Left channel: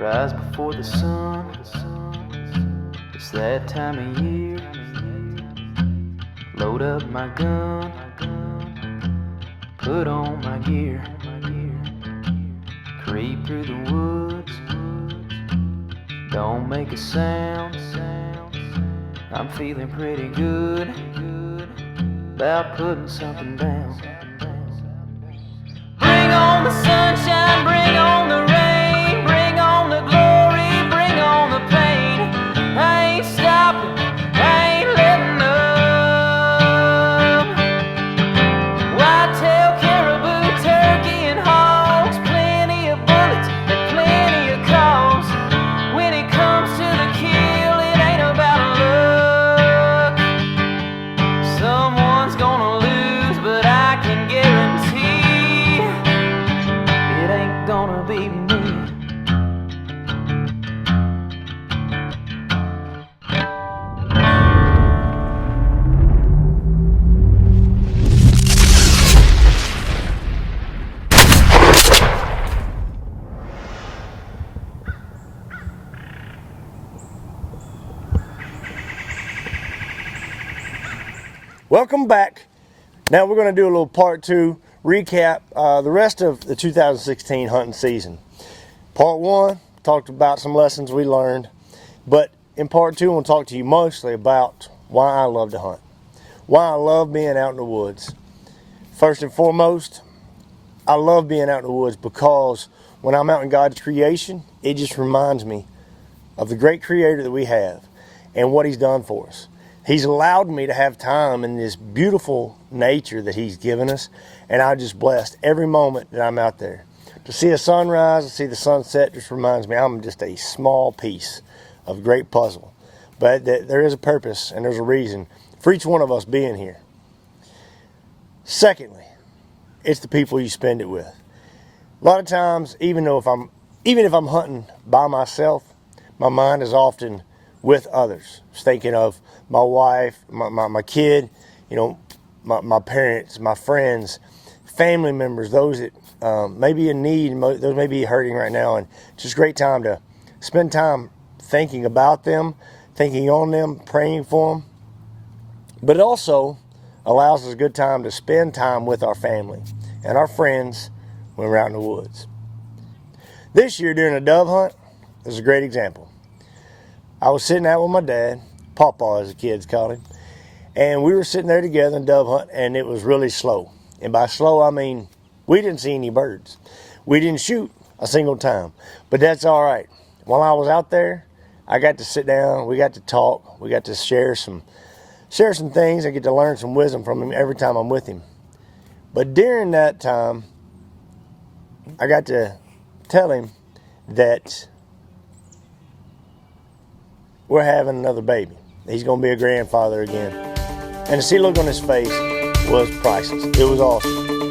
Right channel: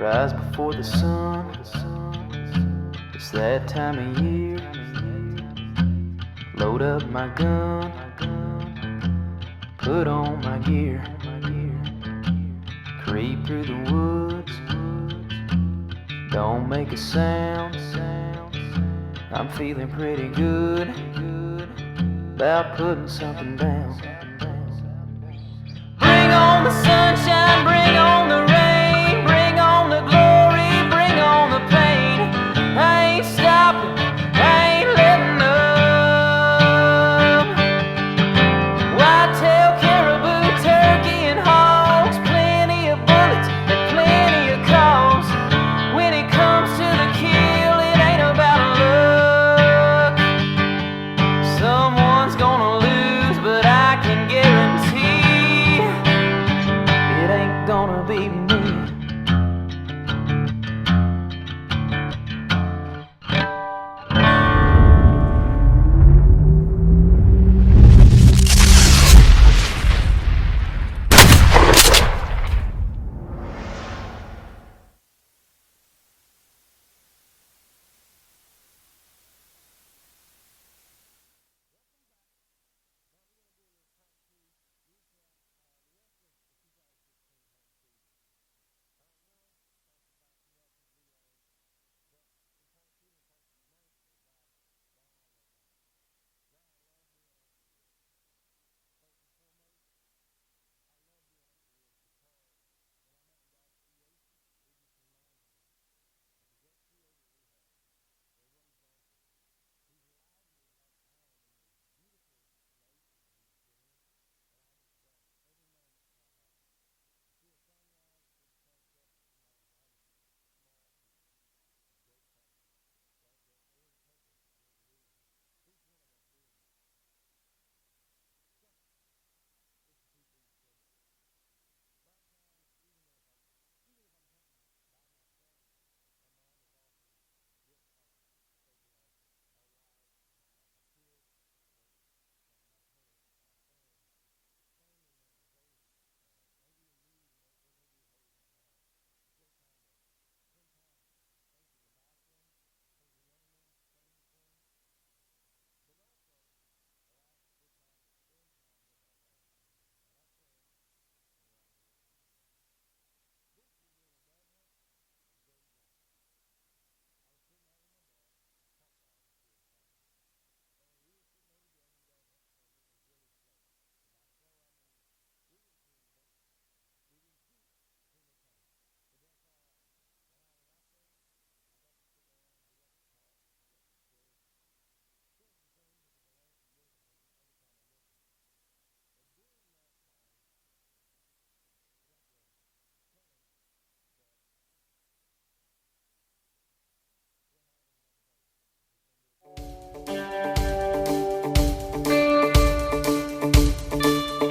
rise before the sun. It's that time of year. Load up my gun, put on my gear, creep through the woods, don't make a sound. I'm feeling pretty good about putting something down. Bring on the sunshine, bring on the rain, bring on the glory, bring on the pain. I ain't stopping, I ain't letting up. Whitetail, caribou, turkey, and hogs, plenty of bullets and plenty of calls. When it comes to the kill, it ain't about luck. Someone's gonna lose, but I can guarantee it ain't gonna be me. Welcome back. Now we're going to do a little part two recap the rest of the 2016 hunting season. Part one talked about some lessons we learned, but in part two I want to talk to you mostly about why I love to hunt, why I love being out in the woods. First and foremost, I love being out in the woods because when I'm out in God's creation, it just reminds me of the great Creator that we have and what He's done for us. He's allowed me to have time in this beautiful nature that He's given us, and I'm just blessed every moment that I'm out there. To see a sunrise, to see the sunset just reminds me I'm just a small piece of a great puzzle. But there is a purpose and there's a reason for each one of us being here. Secondly, it's the people you spend it with. A lot of times, even if I'm hunting by myself, my mind is often with others. Just thinking of my wife, my kid, my parents, my friends, family members, those that may be in need, those may be hurting right now. And it's just a great time to spend time thinking about them, thinking on them, praying for them. But it also allows us a good time to spend time with our family and our friends when we're out in the woods. This year during a dove hunt, is a great example. I was sitting out with my dad, Pawpaw as the kids called him, and we were sitting there together in dove hunt, and it was really slow. And by slow, I mean we didn't see any birds. We didn't shoot a single time, but that's all right. While I was out there, I got to sit down, we got to talk, we got to share some things. I get to learn some wisdom from him every time I'm with him. But during that time, I got to tell him that we're having another baby. He's going to be a grandfather again. And to see the look on his face was priceless. It was awesome.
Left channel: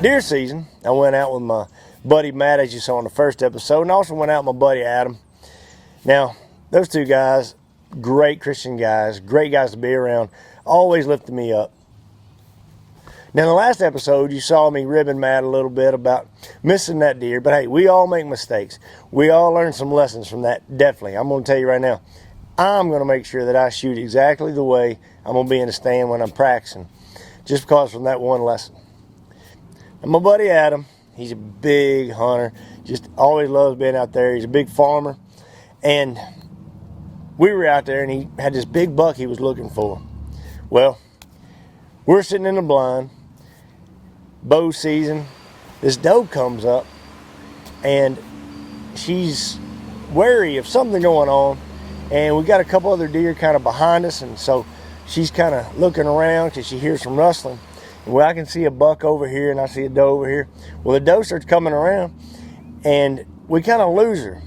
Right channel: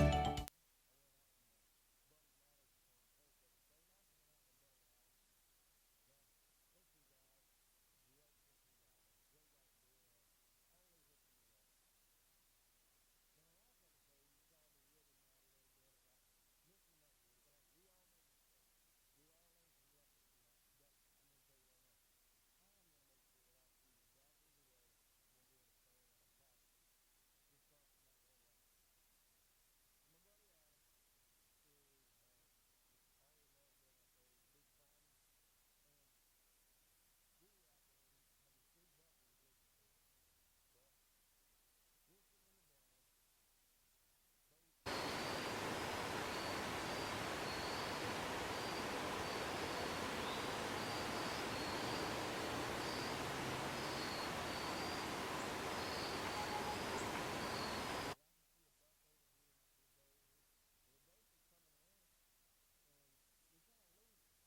Deer season, I went out with my buddy Matt, as you saw in the first episode, and I also went out with my buddy Adam. Now, those two guys, great Christian guys, great guys to be around, always lifted me up. Now, in the last episode, you saw me ribbing Matt a little bit about missing that deer, but hey, we all make mistakes. We all learn some lessons from that, definitely. I'm going to tell you right now, I'm going to make sure that I shoot exactly the way I'm going to be in the stand when I'm practicing, just because from that one lesson. And my buddy Adam, he's a big hunter, just always loves being out there. He's a big farmer, and we were out there, and he had this big buck he was looking for. Well, we're sitting in the blind, bow season. This doe comes up, and she's wary of something going on, and we got a couple other deer kind of behind us, and so she's kind of looking around because she hears some rustling. Well, I can see a buck over here, and I see a doe over here. Well, the doe starts coming around, and we kind of lose her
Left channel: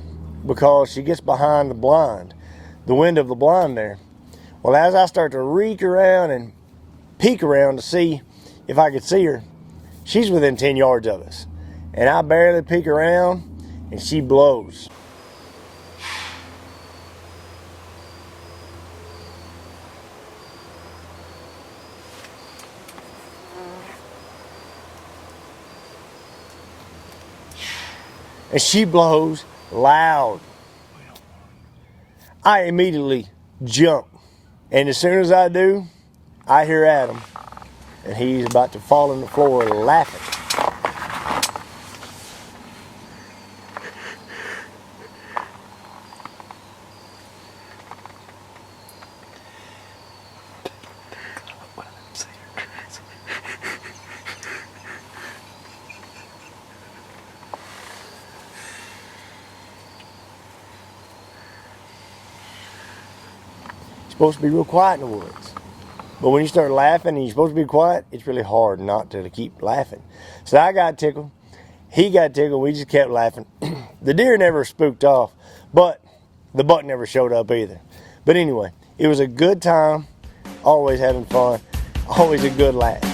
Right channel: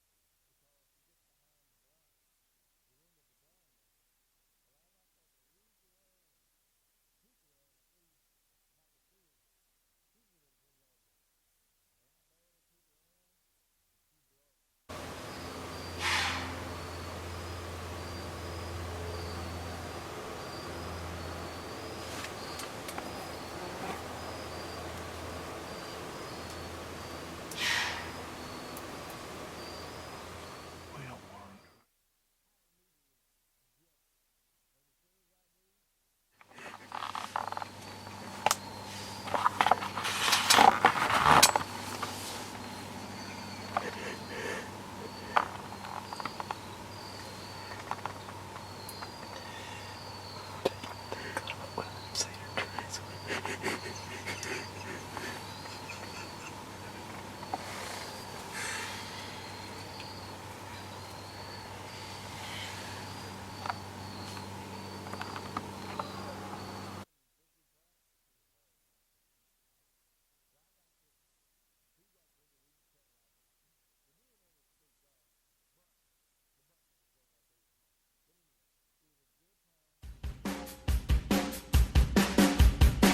because she gets behind the blind, the window of the blind there. Well, as I start to reek around and peek around to see if I could see her, she's within 10 yards of us. And I barely peek around, and she blows. And she blows loud. I immediately jump. And as soon as I do, I hear Adam. And he's about to fall on the floor laughing. Supposed to be real quiet in the woods, but when you start laughing and you're supposed to be quiet, it's really hard not to keep laughing. So I got tickled, he got tickled, we just kept laughing. The deer never spooked off, but the buck never showed up either. But anyway, it was a good time, always having fun, always a good laugh.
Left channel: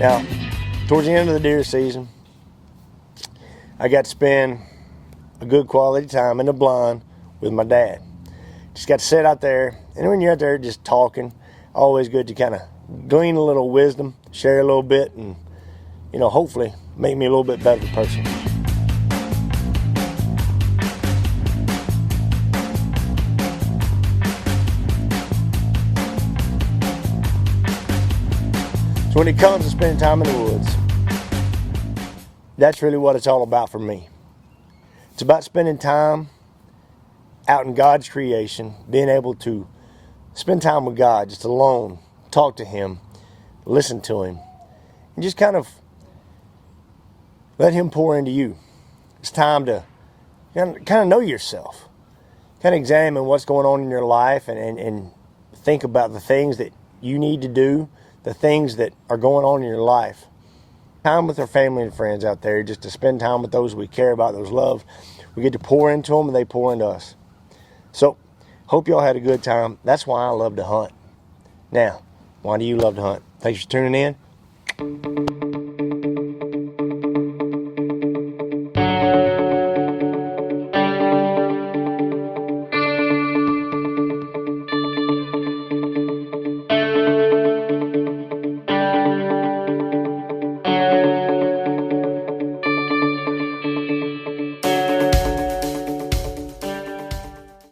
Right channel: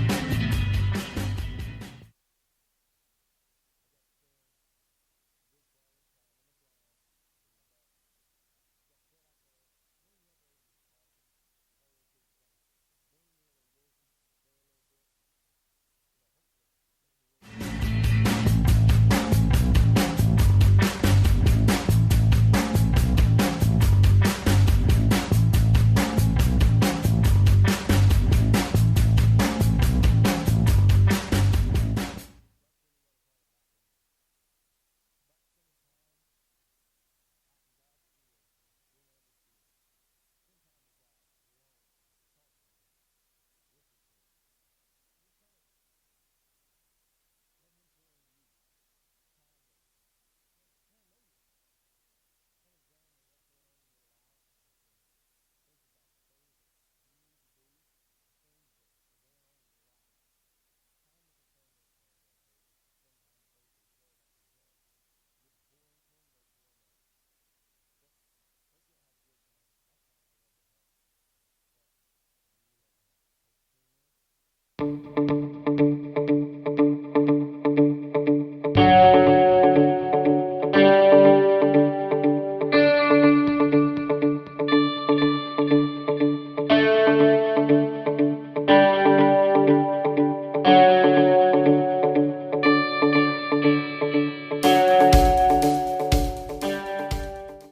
Now, towards the end of the deer season, I got to spend a good quality time in the blind with my dad. Just got to sit out there, and when you're out there just talking, always good to kind of glean a little wisdom, share a little bit, and, you know, hopefully make me a little bit better person. when it comes to spending time in the woods, that's really what it's all about for me. It's about spending time out in God's creation, being able to spend time with God, just alone, talk to Him, listen to Him, and just kind of let Him pour into you. It's time to kind of know yourself, kind of examine what's going on in your life, and think about the things that you need to do, the things that are going on in your life. Time with our family and friends out there, just to spend time with those we care about, those loved. We get to pour into them and they pour into us. So, hope y'all had a good time. That's why I love to hunt. Now, why do you love to hunt? Thanks for tuning in.